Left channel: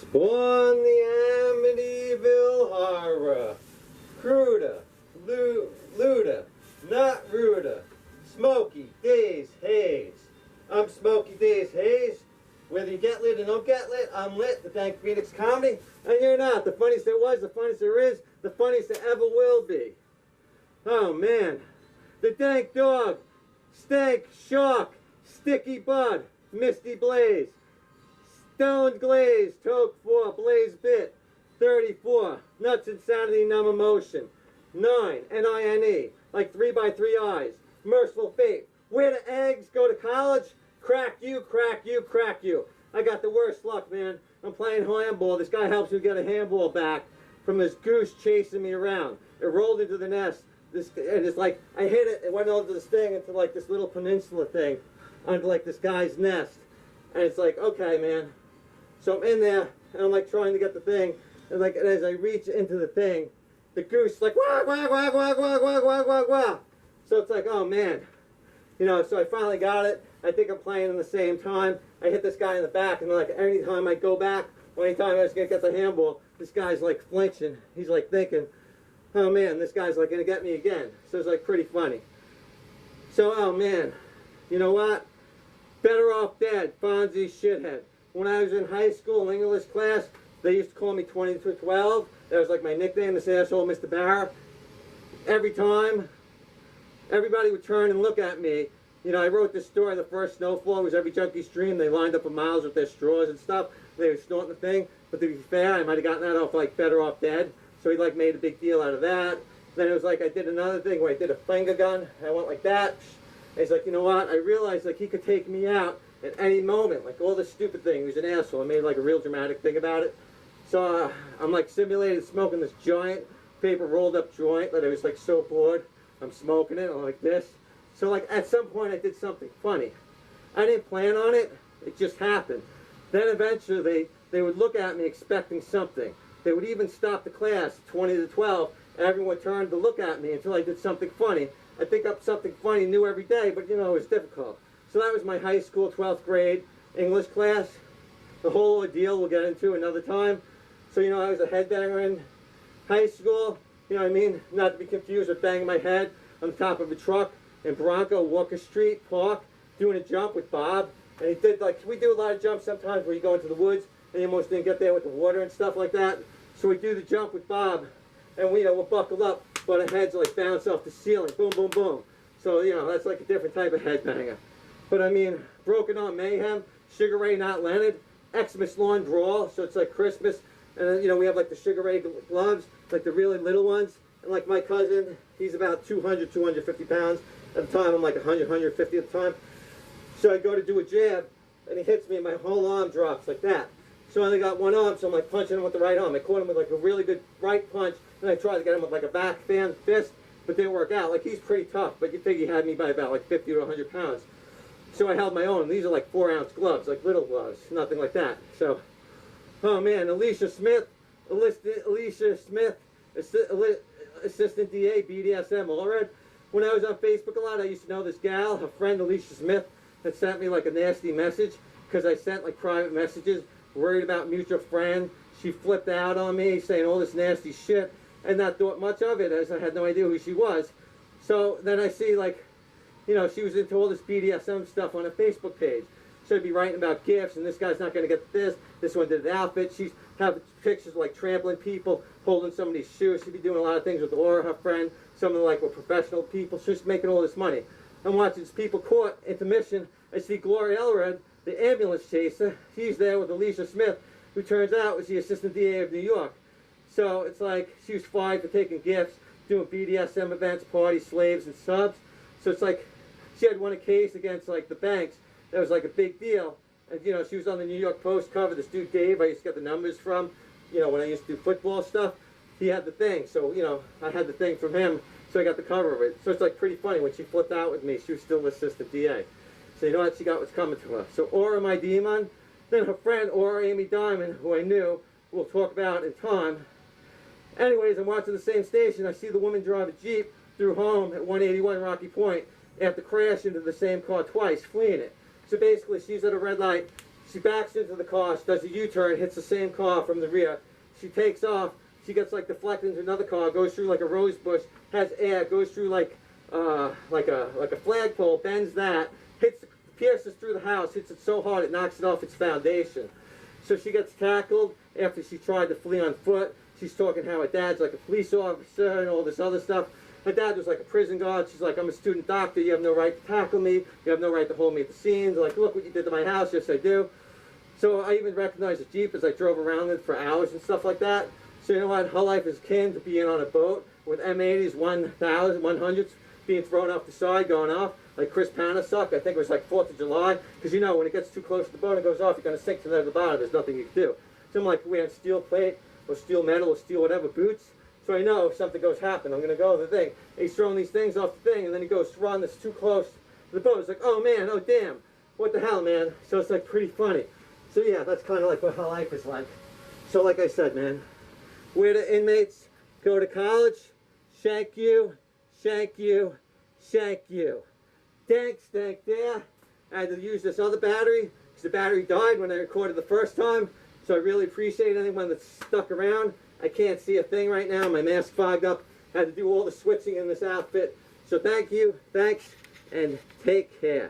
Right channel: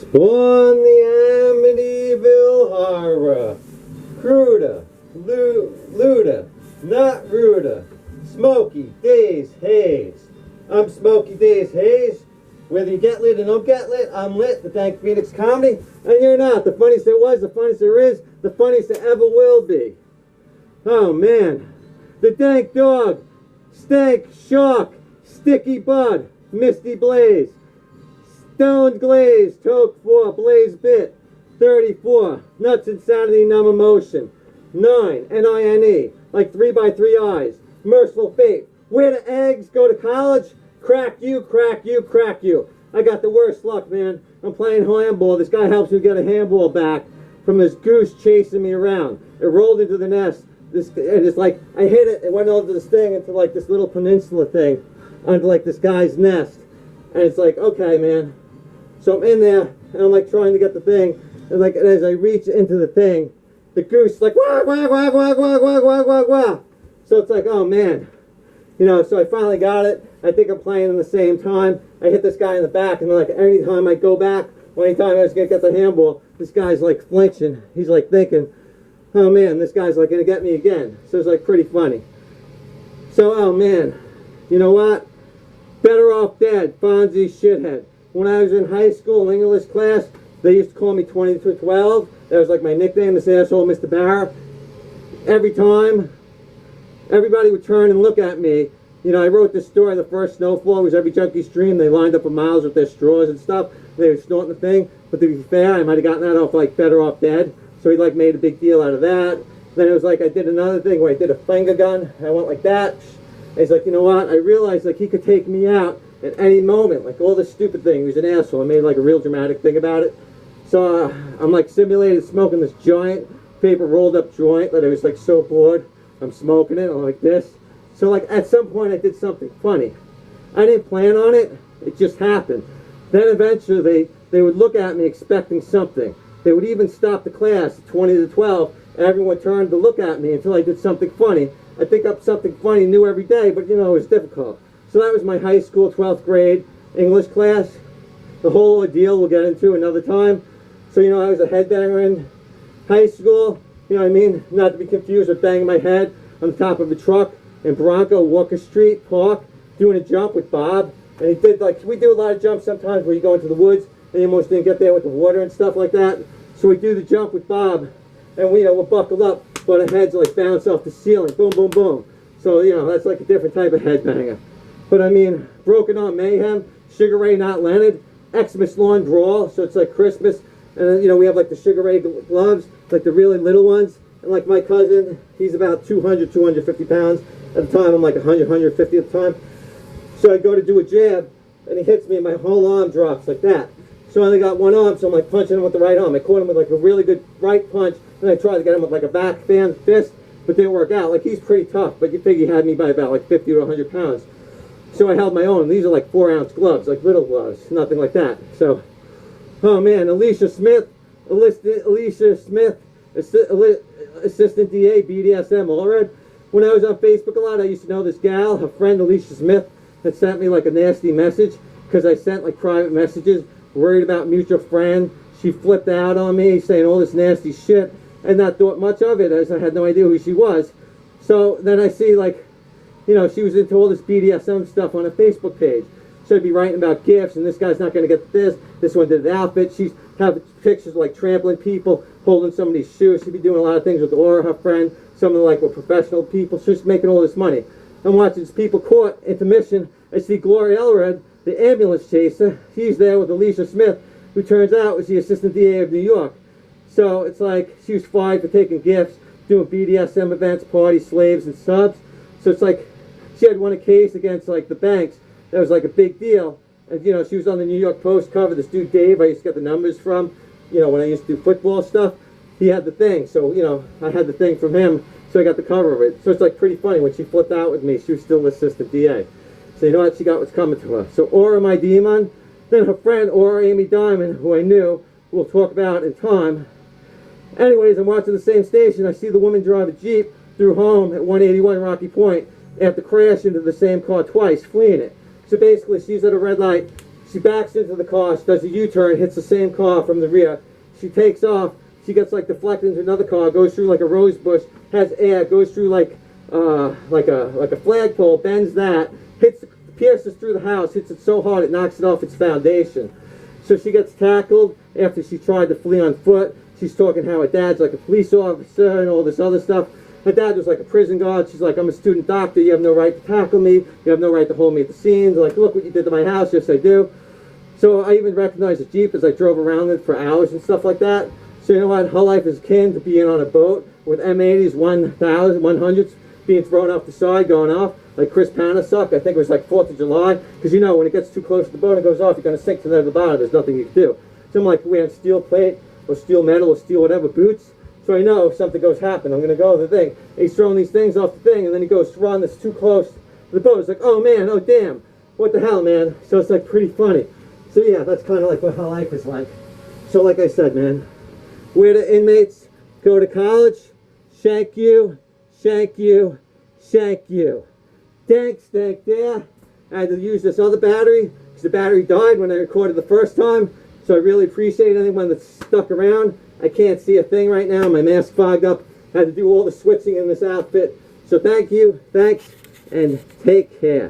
Spawn the Amityville Horror. Cruda, Luda, not Ruda. Smokey Daze Haze. I'm Smokey Daze Haze. Whether you get lit or don't get lit, I'm lit. The Dank Phoenix Comedy, and you're not. The funniest there was, the funniest there is, the funniest there ever will be. Oh man. The Dank Dog, Stank Shark, Sticky Bud, Misty Blaze, Stoned Glaze, Toke 4, Blaze Bit, 34, Nuts Insanity Numb Emotion, 9, N-I-N-E, like 3 by 3 eyes, Merciful Fate, Where the Eggs Go to College, Crack you, crack you, crack you. I got the worst luck, man. I'm playing handball. This guy helps me get a handball back from this goose chasing me around. It rolled into the nest. And it's like, I hit it, it went over this thing into like this little peninsula thing, onto like this guy's nest. And it's like, okay, man. So I'm in there, and I'm like trying to get the thing, and like as I reach into the thing, the goose is like, wah, wah, wah, wah, wah, wah, wah, wah, wah. So it's like, oh man. You know, so I finally got it. I think I'm playing in the same time. I hit this guy in the back, and like any time I go back, or anytime I was gonna get the handball, this guy's like flinching. He's like thinking, oh man, this guy's like gonna get me again. So it's like pretty funny. So, oh man, you know what? Better off dead, Fonzie shithead. When I was in high school, English class, they used to call me 20 to 12. That was like my nickname, this asshole, Mr. Barra. Every time, everybody would turn and look at me. You know, I wrote this story, the first snowfall was every junkie stream. They lined up for miles with their straws and stuff. They were snorting the thing. But to be fair, I might have gotten that off like Better Off Dead. So he like made a big deal out of that. Then it was like I did another thing where I did a finger gun. I went like that. And he's like, you know what? I realized like he could take me out at any moment. Like all this stupid thing. He was an asshole. I made like a real dramatic thing about it. So I'm like simulated smoking this giant paper rolled up joint that I was like so bored. I'm smoking it. I'm like this. So like at some point I did something funny. I didn't plan on it. It just happened. Then eventually they would look at me expecting something. They would even stop the class at 20 to 12 and everyone turned to look at me until I did something funny. I think up something funny new every day, but you know, it was difficult. So that was my high school 12th grade English class. The whole ordeal we'll get into another time. So you know, I was a headbanger in high school. You know what I mean? Not to be confused with banging my head on the top of a truck in Bronco, Walker Street Park, doing a jump with Bob. And he did like, we do a lot of jumps sometimes where you go into the woods and you almost didn't get there with the water and stuff like that. So we do the jump with Bob and we, you know, we're buckled up, but our heads like bounce off the ceiling, boom, boom, boom. So, you know, that's like a different type of headbanger. But I mean, Broken Arm Mayhem, Sugar Ray Not Leonard, Xmas Lawn Brawl, so it's like Christmas. And then, you know, we have like the Sugar Ray gloves, like the really little ones. And like my cousin, he's about 200, 250 pounds. At the time, I'm like 100, 150 at the time. So I go to do a jab, and he hits me, and my whole arm drops like that. So I only got one arm, so I'm like punching him with the right arm. I caught him with like a really good right punch, and I tried to get him with like a back fan fist, but didn't work out. Like he's pretty tough, but you figure he had me by about like 50 to 100 pounds. So I held my own. These are like 4-ounce gloves, like little gloves, nothing like that. So, oh man, Alicia Smith, Assistant DA, BDSM, all right. When I was on Facebook a lot, I used to know this gal, her friend Alicia Smith, had sent me like a nasty message because I sent like private messages, worried about mutual friend. She flipped out on me, saying all this nasty shit, and not thought much of it as I had no idea who she was. So then I see like, you know, she was into all this BDSM stuff on a Facebook page. So I'd be writing about gifts, and this guy's not going to get this one did an outfit. She's having pictures of like trampling people, holding somebody's shoes. She'd be doing a lot of things with Aura, her friend. Some of them like were professional people. She's making all this money. I'm watching these people caught intermission. I see Gloria Elred, the ambulance chaser. She's there with Alicia Smith, who turns out was the assistant DA of New York. So it's like she was fired for taking gifts, doing BDSM events, party slaves, and subs. So it's like she had won a case against like the banks. That was like a big deal. And you know, she was on the New York Post cover. This dude Dave, I used to get the numbers from, you know, when I used to do football stuff. He had the thing, so you know, I had the thing from him, so I got the cover of it. So it's like pretty funny when she flipped out with me. She was still assistant DA. So you know what? She got what's coming to her. So Aura, my demon, then her friend Aura Amy Diamond, who I knew, we'll talk about in time. Anyways, I'm watching the same station. I see the woman drive a Jeep through home at 181 Rocky Point after crashing into the same car twice, fleeing it. So basically, she's at a red light. She backs into the car, she does a U-turn, hits the same car from the rear. She takes off, she gets like deflected into another car, goes through like a rose bush, has air, goes through like a flagpole, bends that, pierces through the house, hits it so hard it knocks it off its foundation. So she gets tackled after she tried to flee on foot. She's talking how her dad's like a police officer and all this other stuff. Her dad was like a prison guard. She's like, I'm a student doctor. You have no right to tackle me. You have no right to hold me at the scenes. Like, look what you did to my house. Yes, I do. So I even recognized the Jeep as I drove around it for hours and stuff like that. So you know what? Her life is akin to being on a boat with M80s, 100s being thrown off the side, going off. Like Chris Panasuck, I think it was like 4th of July. Because you know, when it gets too close to the boat and it goes off, you're going to sink to the bottom. There's nothing you can do. So I'm like wearing steel plate or steel metal or steel whatever boots. So I know if something goes happen, I'm going to go to the thing. And he's throwing these things off the thing, and then he goes to run that's too close to the boat. It's like, oh man, oh damn, what the hell, man? So it's like pretty funny. So yeah, that's kind of like what her life is like. So like I said, man, where the inmates go to college, shank you, shank you, shank you. Dank there. I had to use this other battery because the battery died when I recorded the first time. So I really appreciate anyone that's stuck around. I can't see a thing right now. My mask fogged up. I had to do all the switching in this outfit. So thank you, thanks, and take care.